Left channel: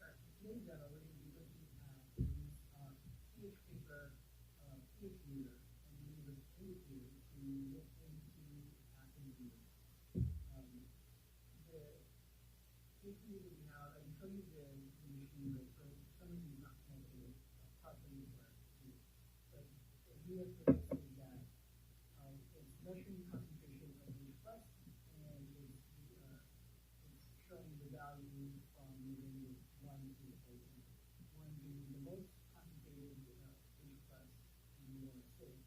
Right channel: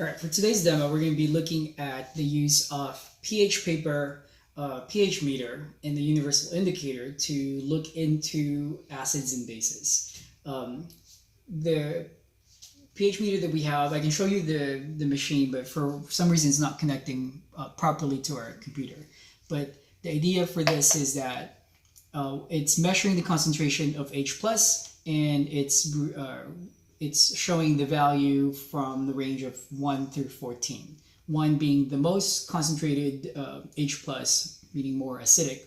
All right, for today's demo, we're going to be looking at the use of pH paper, pH meter, and the universal indicator to look into acids and bases. The pH meter that we have, I can show you the machine, but for some reason it's not connecting properly to our computer. But the idea for this is that it's measuring the concentration of H plus, and it's showing the value from the range of 1 through 14. 1 being the most concentrated H plus, meaning more acidic.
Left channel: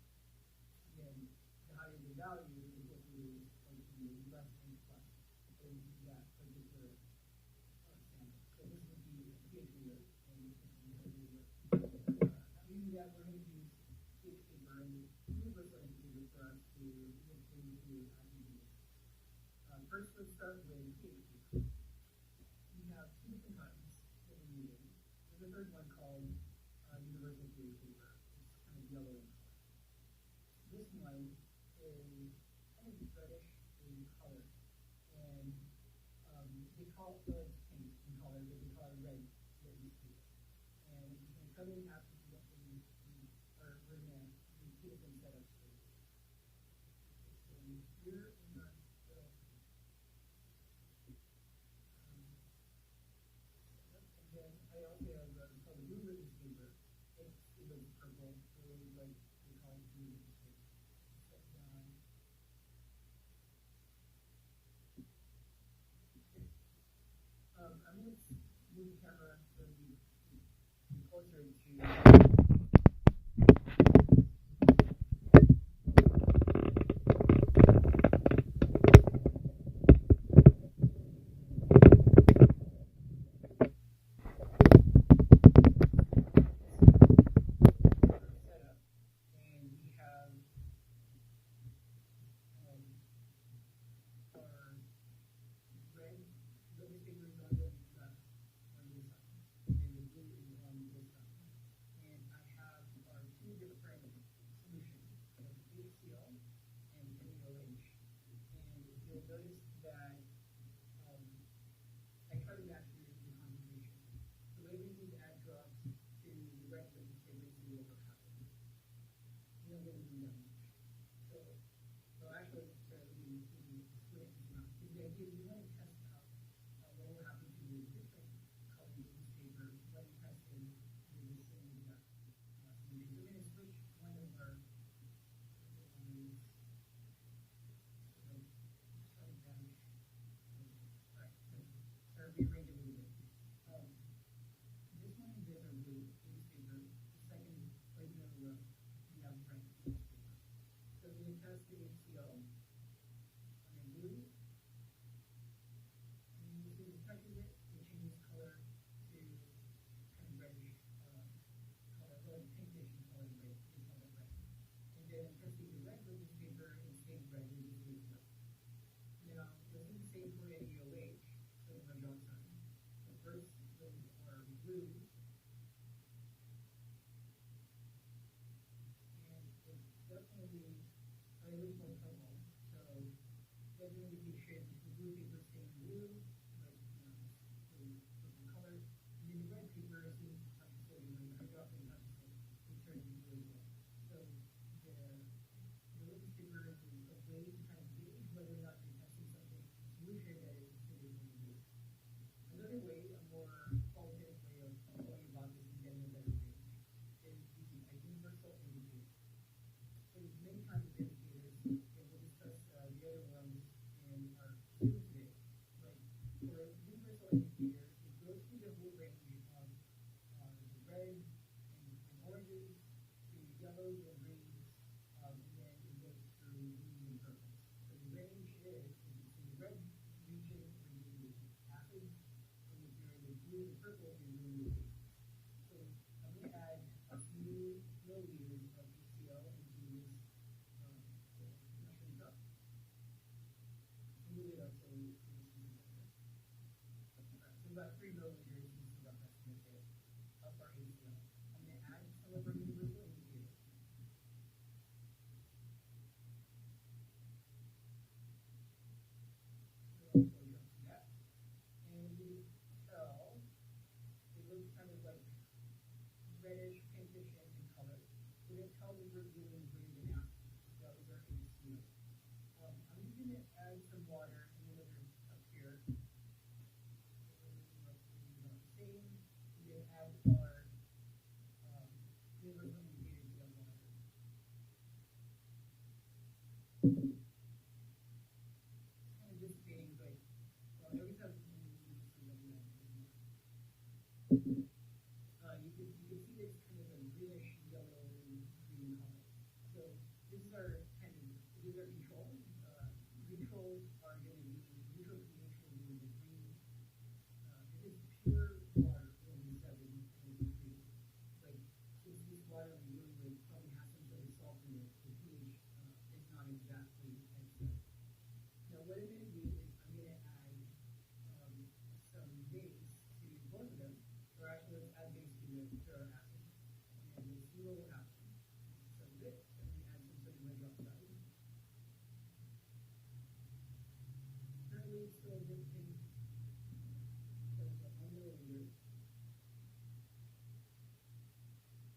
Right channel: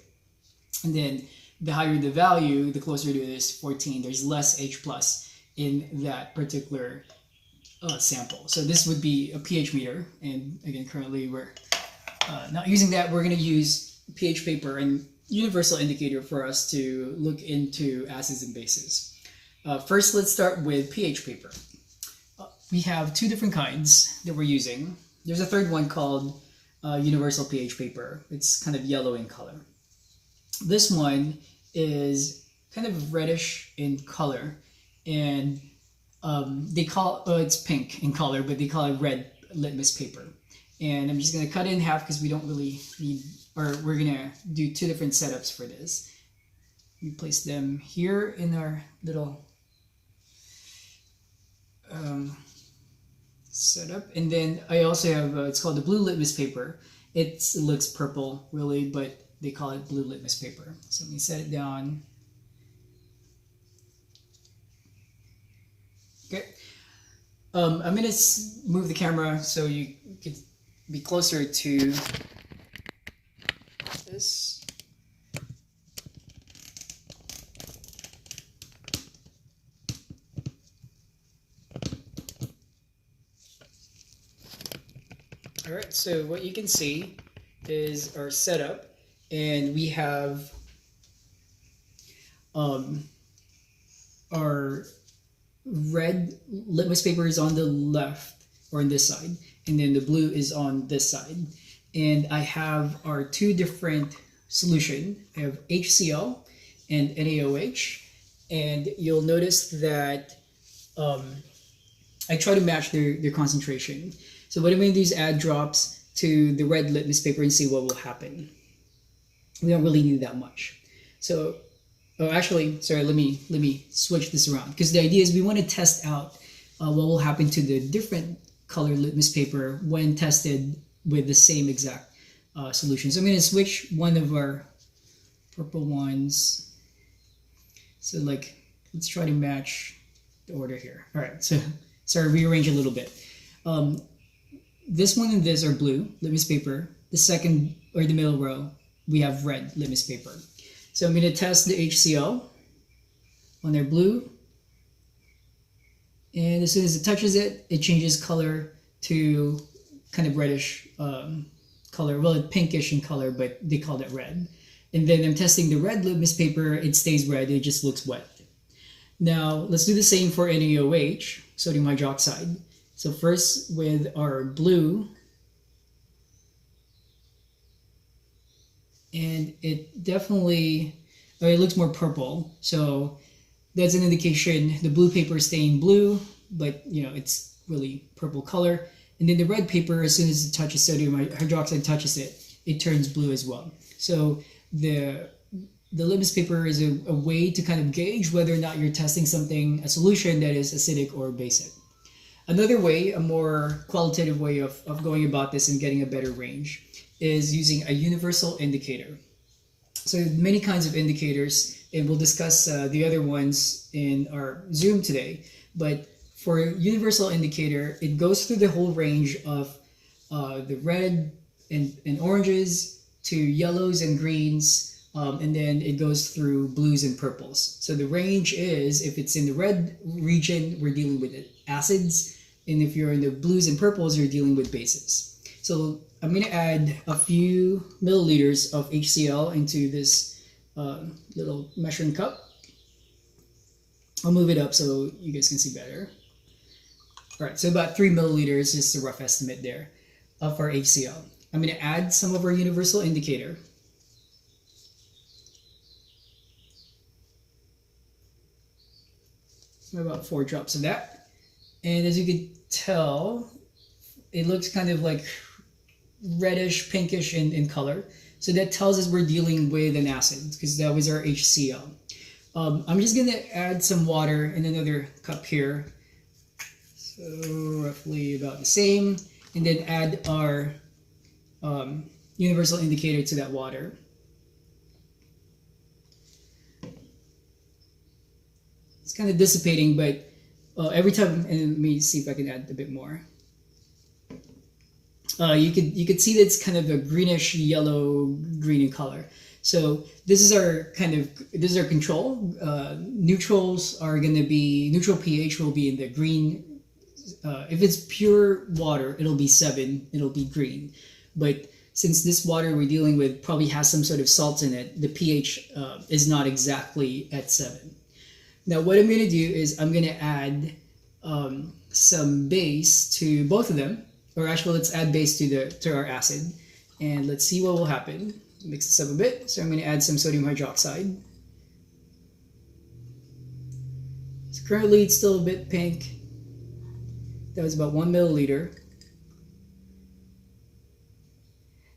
And then the higher the value, the closer to this 14, there's less H plus in that particular sample. So this would be a pH meter. And again, currently we're not using that. We're going to use pH paper and universal indicator for us to look into acids and bases. First, let's start with pH paper. We have two different kinds that we're using. There's a third one called universal pH paper. It's kind of yellow in color. This one is kind of reddish in color, and they call it's pink in color, but they call it red litmus paper. And I'm just going to cut it in half because we don't really need, or we're going to do two different setups for this. We place them here in our little setup, and then I also have it's called the blue litmus paper. It looks purple really, but they call it blue litmus paper. So let me set it down. Okay, I'm gonna move the camera so you can be closer to this. So what you can see is our setup, and we have our red litmus paper is on the left, or on this side, and then the blue is on this side. And I have our two different solution. I have HCl and NaOH, and you'll notice that I try to match their concentration. So what I'm going to do is add drops to the red litmus paper and see what will happen. We don't really need that much. So, actually, sorry, let me switch this around, because the idea is we want to test out what will happen to the different color litmus paper when tested with the same exact solution. So I'm going to switch one of our purple ones. So let's try to match the order here. All right, so sorry, rearrange a little bit. This one and this are blue litmus paper. The second, or the middle row, we have red litmus paper. So I'm going to test the HCl on their blue. And as soon as it touches it, it changes color to kind of reddish color. Well, it's pinkish in color, but they call it red. And then I'm testing the red litmus paper. It stays red. It just looks wet. Now, let's do the same for NaOH, sodium hydroxide. So first with our blue, and it definitely, it looks more purple. So that's an indication the blue paper is staying blue, but it's really purple color. And then the red paper, as soon as it touches sodium hydroxide, touches it, it turns blue as well. So the litmus paper is a way to kind of gauge whether or not you're testing something, a solution that is acidic or basic. Another way, a more qualitative way of going about this and getting a better range, is using a universal indicator. So many kinds of indicators, and we'll discuss the other ones in our Zoom today. But for a universal indicator, it goes through the whole range of the red and oranges to yellows and greens, and then it goes through blues and purples. So the range is, if it's in the red region, we're dealing with acids, and if you're in the blues and purples, you're dealing with bases. So I'm going to add a few milliliters of HCl into this little measuring cup. I'll move it up so you guys can see better. All right, so about 3 milliliters is the rough estimate there of our HCl. I'm going to add some of our universal indicator. About 4 drops of that. And as you can tell, it looks kind of like reddish, pinkish in color. So that tells us we're dealing with an acid because that was our HCl. I'm just gonna add some water in another cup here. So roughly about the same. And then add our universal indicator to that water. It's kind of dissipating, but every time, and let me see if I can add a bit more. You could see that it's kind of a greenish yellow green in color. So this is our control. Neutrals are going to be neutral pH will be in the green. If it's pure water, it'll be 7. It'll be green. But since this water we're dealing with probably has some sort of salt in it, the pH is not exactly at 7. Now what I'm going to do is I'm going to add some base to both of them. Or actually, let's add base to our acid, and let's see what will happen. Mix this up a bit. So I'm going to add some sodium hydroxide. So currently, it's still a bit pink. That was about 1 milliliter.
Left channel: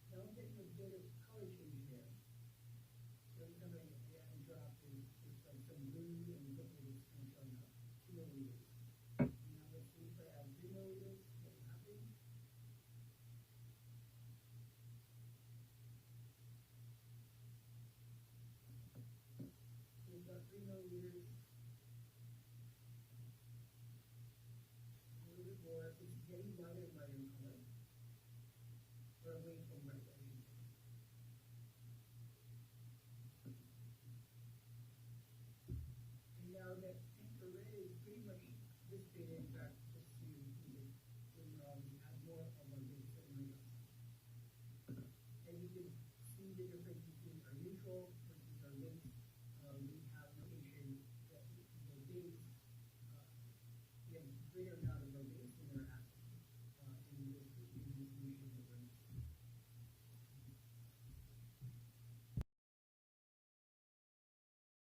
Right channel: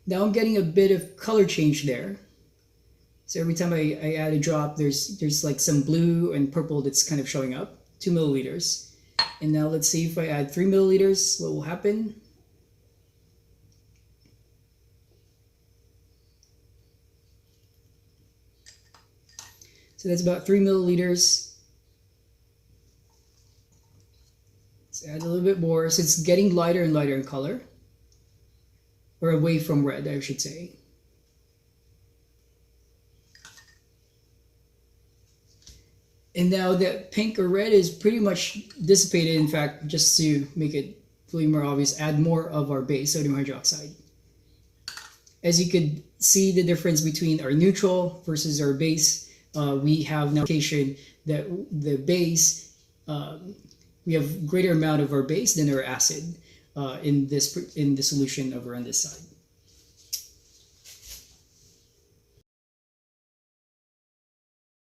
Now I'm getting a bit of color change there. So every time I add a drop, there's like some blue and purple that's kind of showing up. 2 milliliters. And now let's see if I add 3 milliliters, what will happen? So that's about 3 milliliters. Let's add a little bit more. So it's getting lighter and lighter in color. Or away from red, I should say. And now that pink or red is pretty much dissipated. In fact, just to make it really more obvious, add more of our base, sodium hydroxide. As you could see the difference between our neutral versus our base, we have now indication that the base, we have greater amount of our base than our acid in the solution over on this side.